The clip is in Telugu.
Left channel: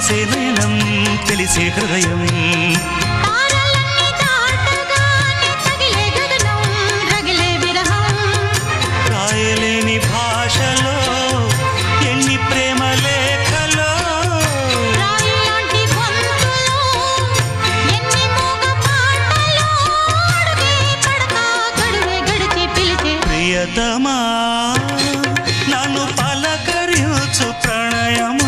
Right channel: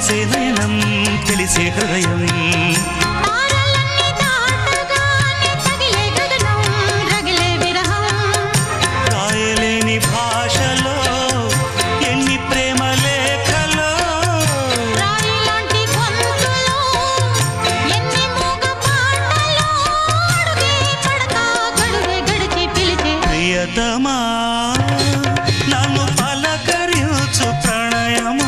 మెరిసే నయనం తెలిసే హృదయం తారలన్నీ దాటగానే తగిలే గగనం రగిలే విరహం రాయలేని భాషలో ఎన్ని ప్రేమ లేఖలో రాయిలాంటి గొంతులో ఎన్ని మూగ పాటలో అడుగే పడక గడువే గడిచి పిలిచే ప్రియతమా నన్ను పలకరించు ప్రణయమా